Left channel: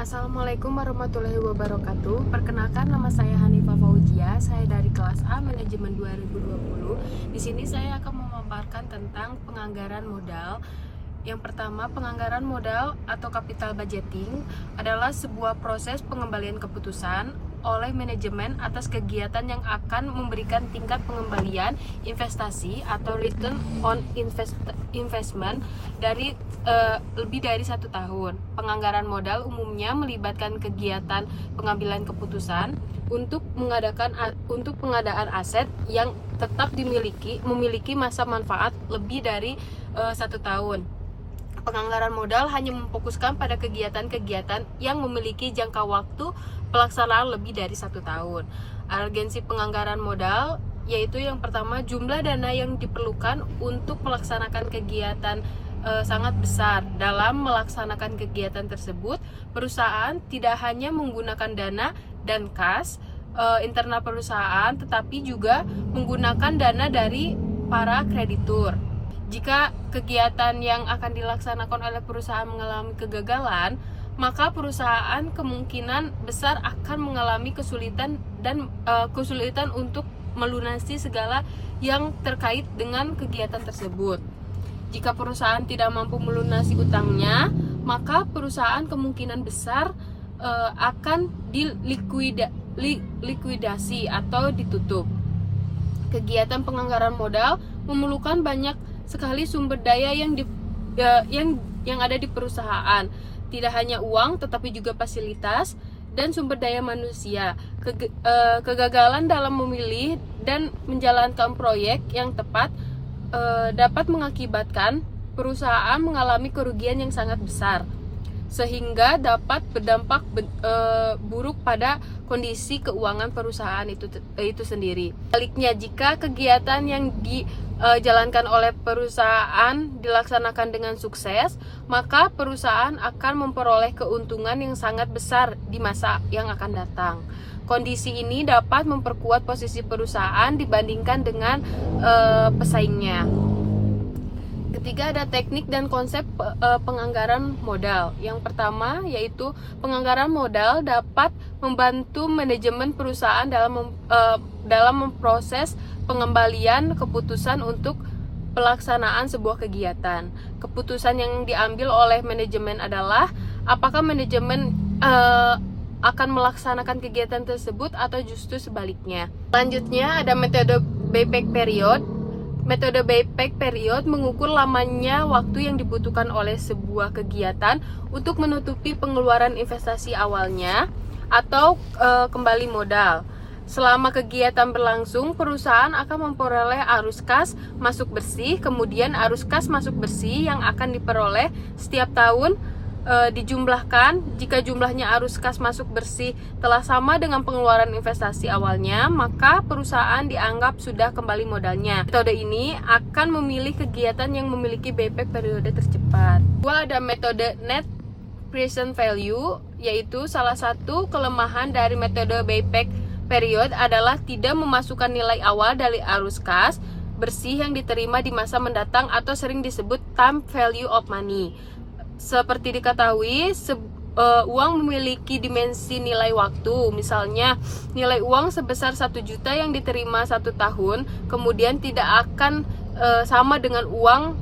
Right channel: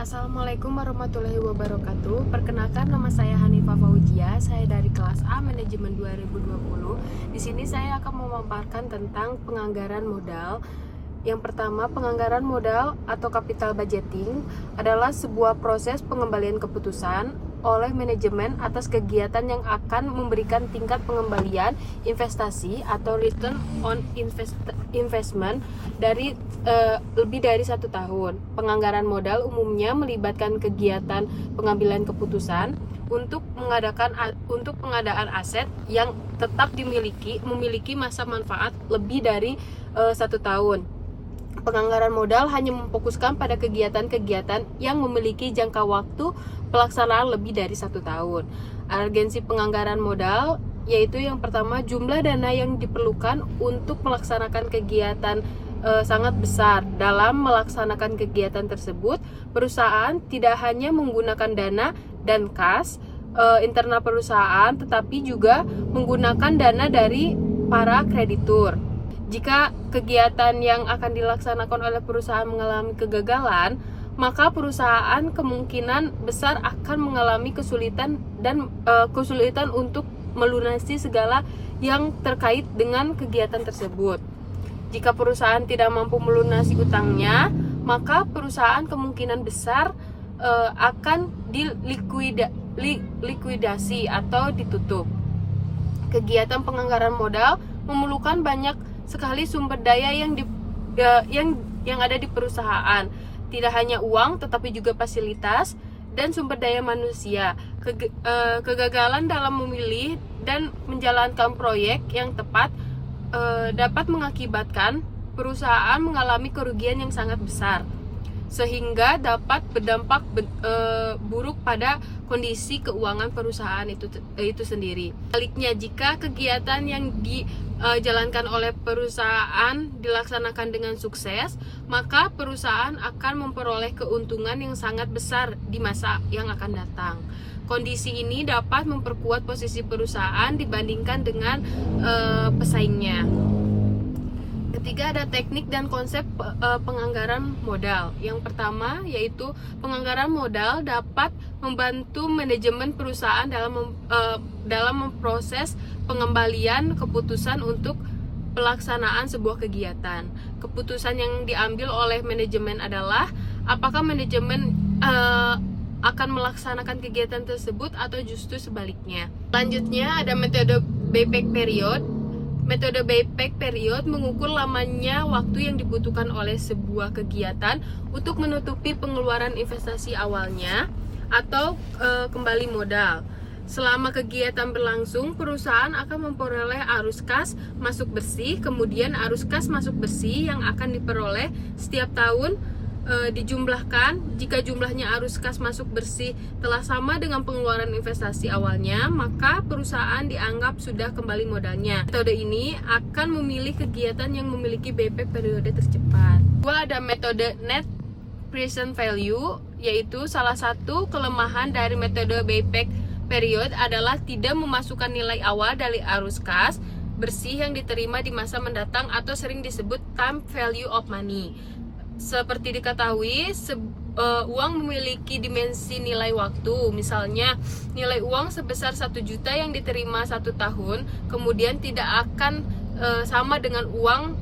Assalamualaikum warahmatullahi wabarakatuh. Perkenalkan, nama saya Hanifah Fauzia. Saya dari kelas A Manajemen 2020. Di sini saya akan memaparkan tentang penganggaran modal. Yang pertama, penganggaran modal atau capital budgeting adalah sebuah proses pengembalian keputusan oleh manajemen atas kegiatan yang akan memberikan tingkat pengembalian investasi atau return on investment dari lebih dari 1 tahun. Penganggaran modal umumnya melibatkan kegiatan pengambilan keputusan untuk pengadaan aset yang tetap memiliki masa manfaat lebih dari 1 tahun. Penganggaran modal hanya memfokuskan pada kegiatan-kegiatan yang memiliki jangka waktu pelaksanaan lebih dari 1 tahun. Urgensi penganggaran modal yaitu yang pertama, jumlah dana yang diperlukan untuk melaksanakan kegiatan sangat besar. Dalam melaksanakan kegiatan tersebut, perusahaan tidak hanya menggunakan dana dan kas internal perusahaan, tetapi juga menggunakan dana dari para kreditur. Jika kegiatan yang akan dilaksanakan oleh perusahaan mengalami kegagalan, maka perusahaan kemungkinan besar akan mengalami kesulitan untuk melunasi segala yang terkait dengan kegiatan tersebut. Jika perusahaan tidak mampu melunasi utangnya, maka perusahaan kemungkinan besar akan dilikuidasi atau ditutup. Kegiatan penganggaran modal memerlukan banyak sekali sumber daya yang ada di perusahaan. Tidak hanya uang, tetapi juga fasilitas dan sumber daya manusia. Kegagalan dalam memilih dan menjalankan proyek yang tepat dapat mengakibatkan perusahaan mengalami kerugian yang sangat besar, sehingga dapat berdampak buruk pada kondisi keuangan perusahaan itu sendiri. Sebaliknya, jika kegiatan yang dijalankan oleh perusahaan dilaksanakan dengan sukses, maka perusahaan akan memperoleh keuntungan yang sangat besar di masa yang akan datang. Kondisi ini dapat memperkuat posisi perusahaan dibandingkan dengan pesaingnya. Ketiga, ada teknik dan konsep penganggaran modal. Yang pertama yaitu penganggaran modal dapat membantu manajemen perusahaan dalam memproses pengembalian keputusan untuk pelaksanaan sebuah kegiatan. Keputusan yang diambil oleh manajemen adalah apakah manajemen akan melaksanakan kegiatan tersebut atau justru sebaliknya. Selanjutnya ada metode payback period. Metode payback period mengukur lamanya waktu yang dibutuhkan oleh sebuah kegiatan untuk menutupi pengeluaran investasi awalnya atau kembali modal. Selama kegiatan berlangsung, perusahaan akan memperoleh arus kas masuk bersih, kemudian arus kas masuk bersih yang akan diperoleh setiap tahun dijumlahkan. Jika jumlahnya arus kas masuk bersih telah sama dengan pengeluaran investasi awalnya, maka perusahaan dianggap sudah kembali modalnya. Metode ini akan memilih kegiatan yang memiliki payback periode tercepat. Kedua, ada metode net present value, yaitu salah satu kelemahan dari metode payback period adalah tidak memasukkan nilai awal dari arus kas bersih yang diterima di masa mendatang atau sering disebut time value of money. Seperti diketahui, uang memiliki dimensi nilai waktu. Misalnya, nilai uang sebesar 1 juta yang diterima 1 tahun, kemudian tidak akan sama dengan uang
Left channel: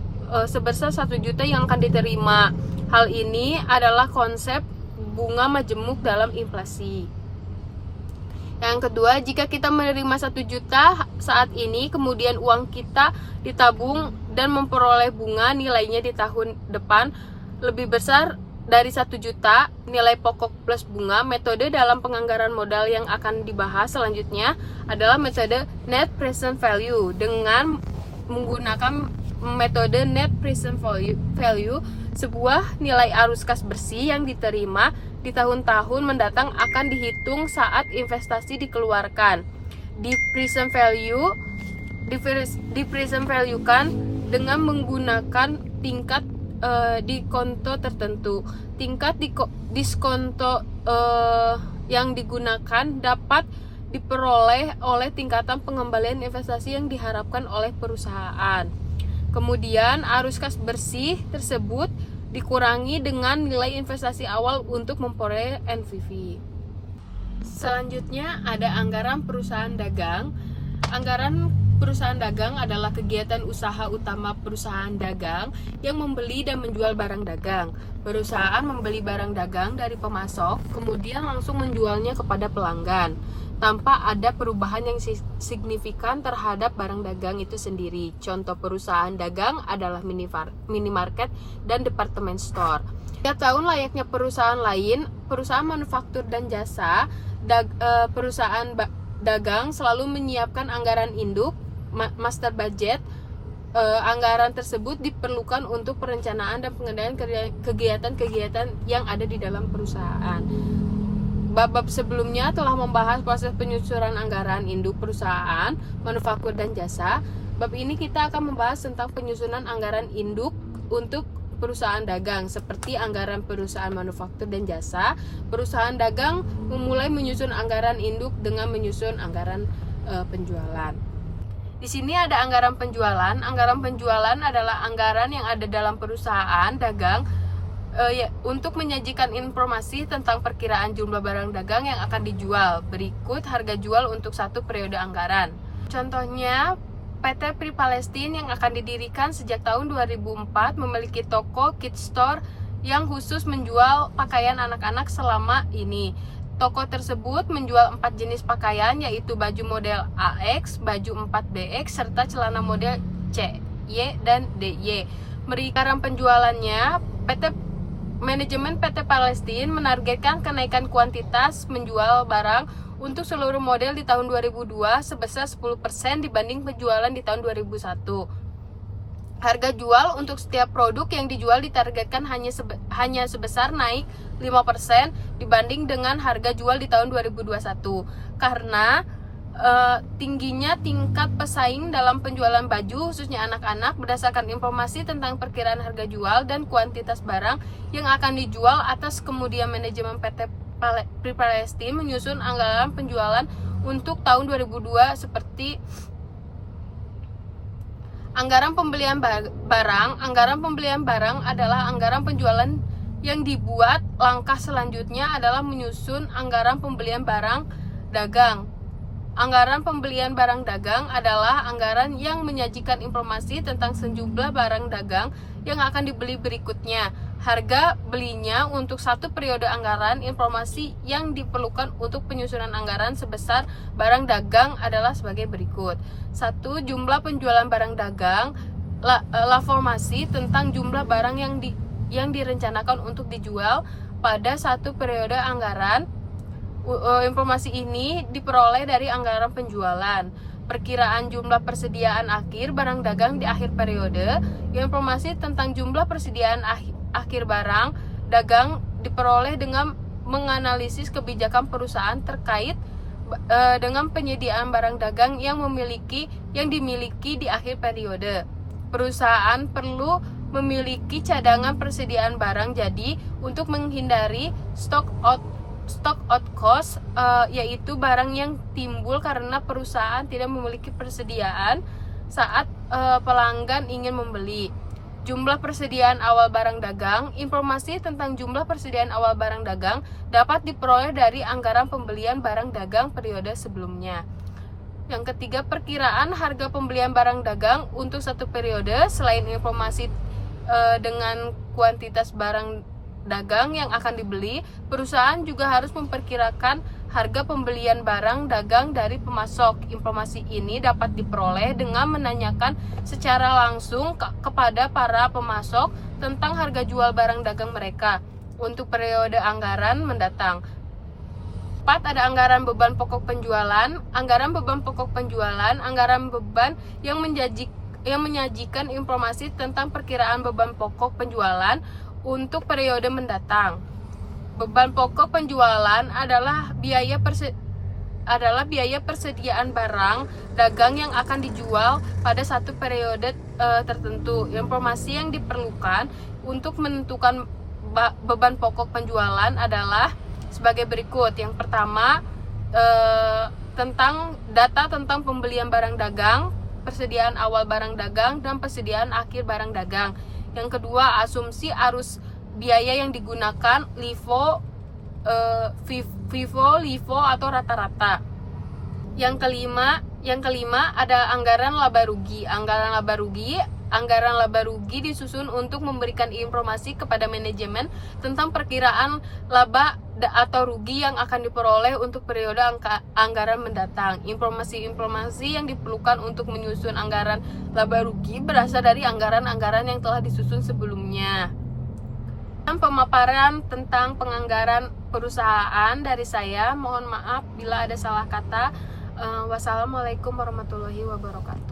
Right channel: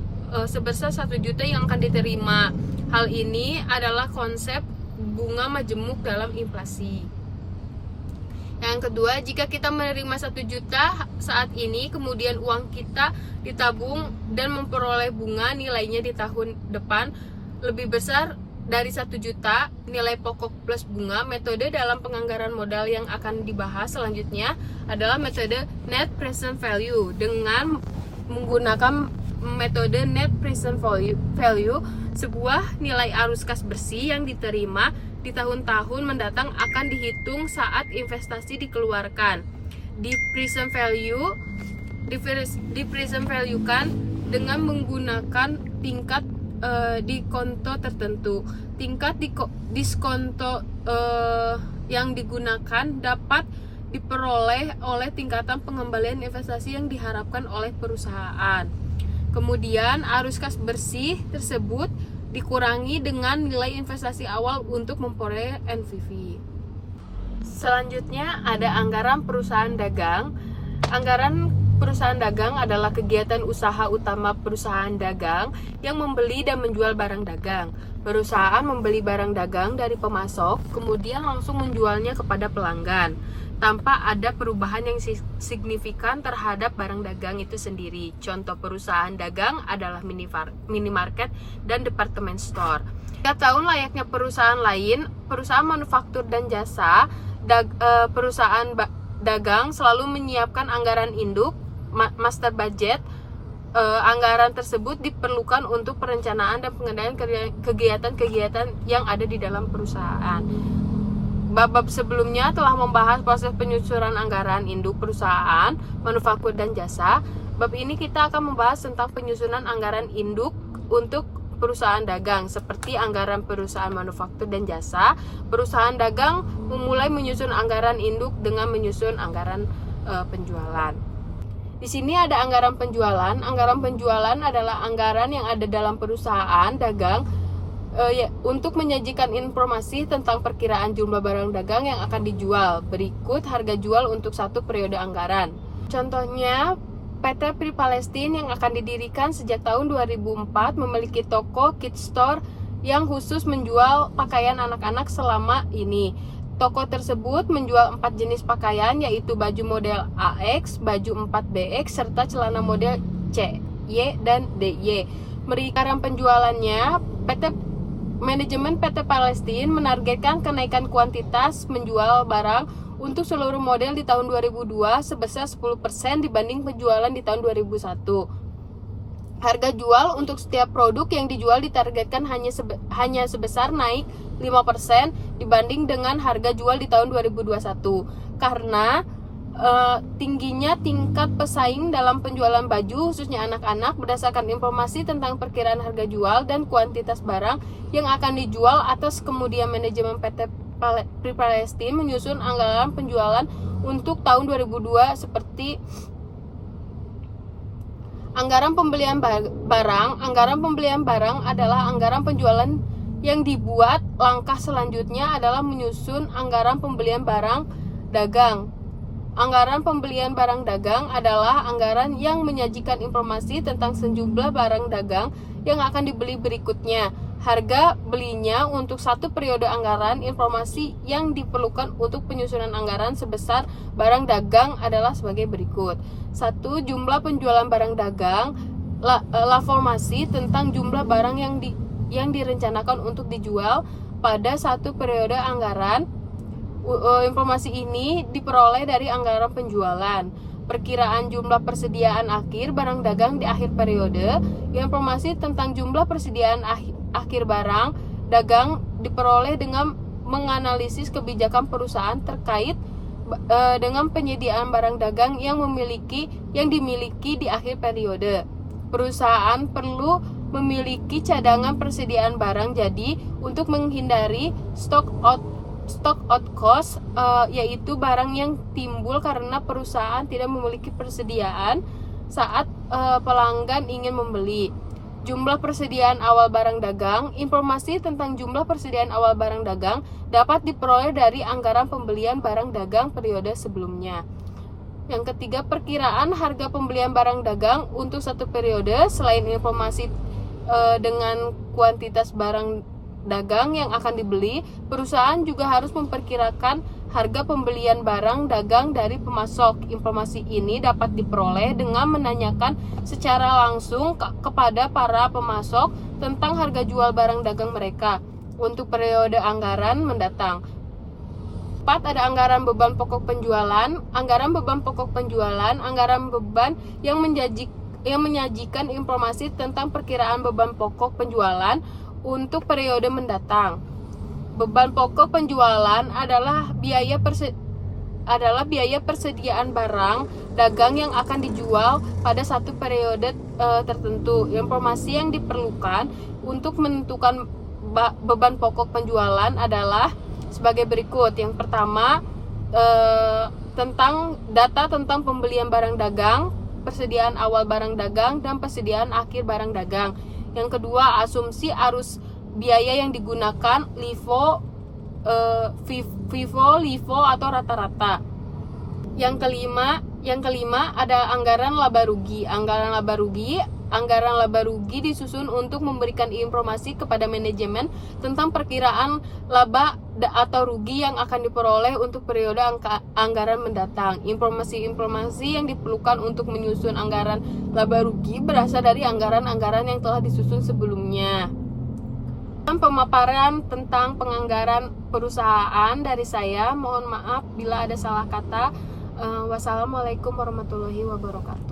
sebesar 1 juta yang akan diterima. Hal ini adalah konsep bunga majemuk dalam inflasi. Yang kedua, jika kita menerima 1 juta saat ini, kemudian uang kita ditabung dan memperoleh bunga nilainya di tahun depan lebih besar dari 1 juta nilai pokok plus bunga, metode dalam penganggaran modal yang akan dibahas selanjutnya adalah metode net present value. Dengan menggunakan metode net present value, sebuah nilai arus kas bersih yang diterima di tahun-tahun mendatang akan dihitung saat investasi dikeluarkan. Di present value kan dengan menggunakan tingkat diskonto tertentu. Tingkat diskonto yang digunakan dapat diperoleh oleh tingkatan pengembalian investasi yang diharapkan oleh perusahaan. Kemudian arus kas bersih tersebut dikurangi dengan nilai investasi awal untuk memperoleh NPV. Selanjutnya ada anggaran perusahaan dagang. Anggaran perusahaan dagang adalah kegiatan usaha utama perusahaan dagang yang membeli dan menjual barang dagang. Perusahaan membeli barang dagang dari pemasok, kemudian langsung menjualnya kepada pelanggan, tanpa ada perubahan yang signifikan terhadap barang dagang itu sendiri. Contoh perusahaan dagang adalah minimarket dan department store. 3 tahun layaknya perusahaan lain, perusahaan manufaktur dan jasa, perusahaan dagang selalu menyiapkan anggaran induk, master budget. Anggaran tersebut diperlukan untuk perencanaan dan pengendalian kegiatan-kegiatan yang ada di dalam perusahaan. Bab sebelumnya telah membahas proses penyusunan anggaran induk perusahaan, manufaktur dan jasa. Bab ini kita akan membahas tentang penyusunan anggaran induk untuk perusahaan dagang, seperti anggaran perusahaan manufaktur dan jasa. Perusahaan dagang memulai menyusun anggaran induk dengan menyusun anggaran penjualan. Di sini ada anggaran penjualan. Anggaran penjualan adalah anggaran yang ada dalam perusahaan dagang untuk menyajikan informasi tentang perkiraan jumlah barang dagang yang akan dijual. Berikut harga jual untuk satu periode anggaran. Contohnya, PT Pri Palestine yang akan didirikan sejak tahun 2004 memiliki toko Kids Store yang khusus menjual pakaian anak-anak selama ini. Toko tersebut menjual 4 jenis pakaian, yaitu baju model AX, baju 4BX, serta celana model C, Y, dan DY. Anggaran penjualannya, Manajemen PT Palestine menargetkan kenaikan kuantitas menjual barang untuk seluruh model di tahun 2002 sebesar 10% dibanding penjualan di tahun 2001. Harga jual untuk setiap produk yang dijual ditargetkan hanya sebesar naik 5% dibanding dengan harga jual di tahun 2021. Karena tingginya tingkat pesaing dalam penjualan baju khususnya anak-anak berdasarkan informasi tentang perkiraan harga jual dan kuantitas barang yang akan dijual. Atas kemudian manajemen PT Pri Palestine menyusun anggaran penjualan untuk tahun 2002 seperti anggaran pembelian barang. Anggaran pembelian barang adalah anggaran penjualan yang dibuat. Langkah selanjutnya adalah menyusun anggaran pembelian barang dagang. Anggaran pembelian barang dagang adalah anggaran yang menyajikan informasi tentang sejumlah barang dagang yang akan dibeli berikutnya. Harga belinya untuk satu periode anggaran. Informasi yang diperlukan untuk penyusunan anggaran sebesar barang dagang adalah sebagai berikut. 1. Jumlah penjualan barang dagang. Formasi tentang jumlah barang yang direncanakan untuk dijual pada satu periode anggaran. Informasi ini diperoleh dari anggaran penjualan. Perkiraan jumlah persediaan akhir barang dagang di akhir periode. Informasi tentang jumlah persediaan akhir barang dagang diperoleh dengan menganalisis kebijakan perusahaan terkait dengan penyediaan barang dagang yang dimiliki di akhir periode. Perusahaan perlu memiliki cadangan persediaan barang jadi untuk menghindari stock out cost, yaitu barang yang timbul karena perusahaan tidak memiliki persediaan saat pelanggan ingin membeli. Jumlah persediaan awal barang dagang. Informasi tentang jumlah persediaan awal barang dagang dapat diperoleh dari anggaran pembelian barang dagang periode sebelumnya. Yang ketiga, perkiraan harga pembelian barang dagang untuk satu periode. Selain informasi dengan kuantitas barang dagang yang akan dibeli, perusahaan juga harus memperkirakan harga pembelian barang dagang dari pemasok. Informasi ini dapat diperoleh dengan menanyakan secara langsung kepada para pemasok tentang harga jual barang dagang mereka untuk periode anggaran mendatang. 4. Ada anggaran beban pokok penjualan. Anggaran beban pokok penjualan, anggaran beban yang menyajikan informasi tentang perkiraan beban pokok penjualan untuk periode mendatang. Beban pokok penjualan adalah biaya persediaan barang dagang yang akan dijual pada satu periode tertentu. Informasi yang diperlukan untuk menentukan beban pokok penjualan adalah sebagai berikut. Yang pertama, tentang data tentang pembelian barang dagang, persediaan awal barang dagang, dan persediaan akhir barang dagang. Yang kedua, asumsi arus biaya yang digunakan LIFO, FIFO, LIFO atau rata-rata. Yang kelima ada anggaran laba rugi. Anggaran laba rugi disusun untuk memberikan informasi kepada manajemen tentang perkiraan laba atau rugi yang akan diperoleh untuk periode anggaran mendatang. Informasi yang diperlukan untuk menyusun anggaran laba rugi berasal dari anggaran-anggaran yang telah disusun sebelumnya. Pemaparan tentang penganggaran perusahaan dari saya. Mohon maaf bila ada salah kata. Wassalamualaikum warahmatullahi wabarakatuh.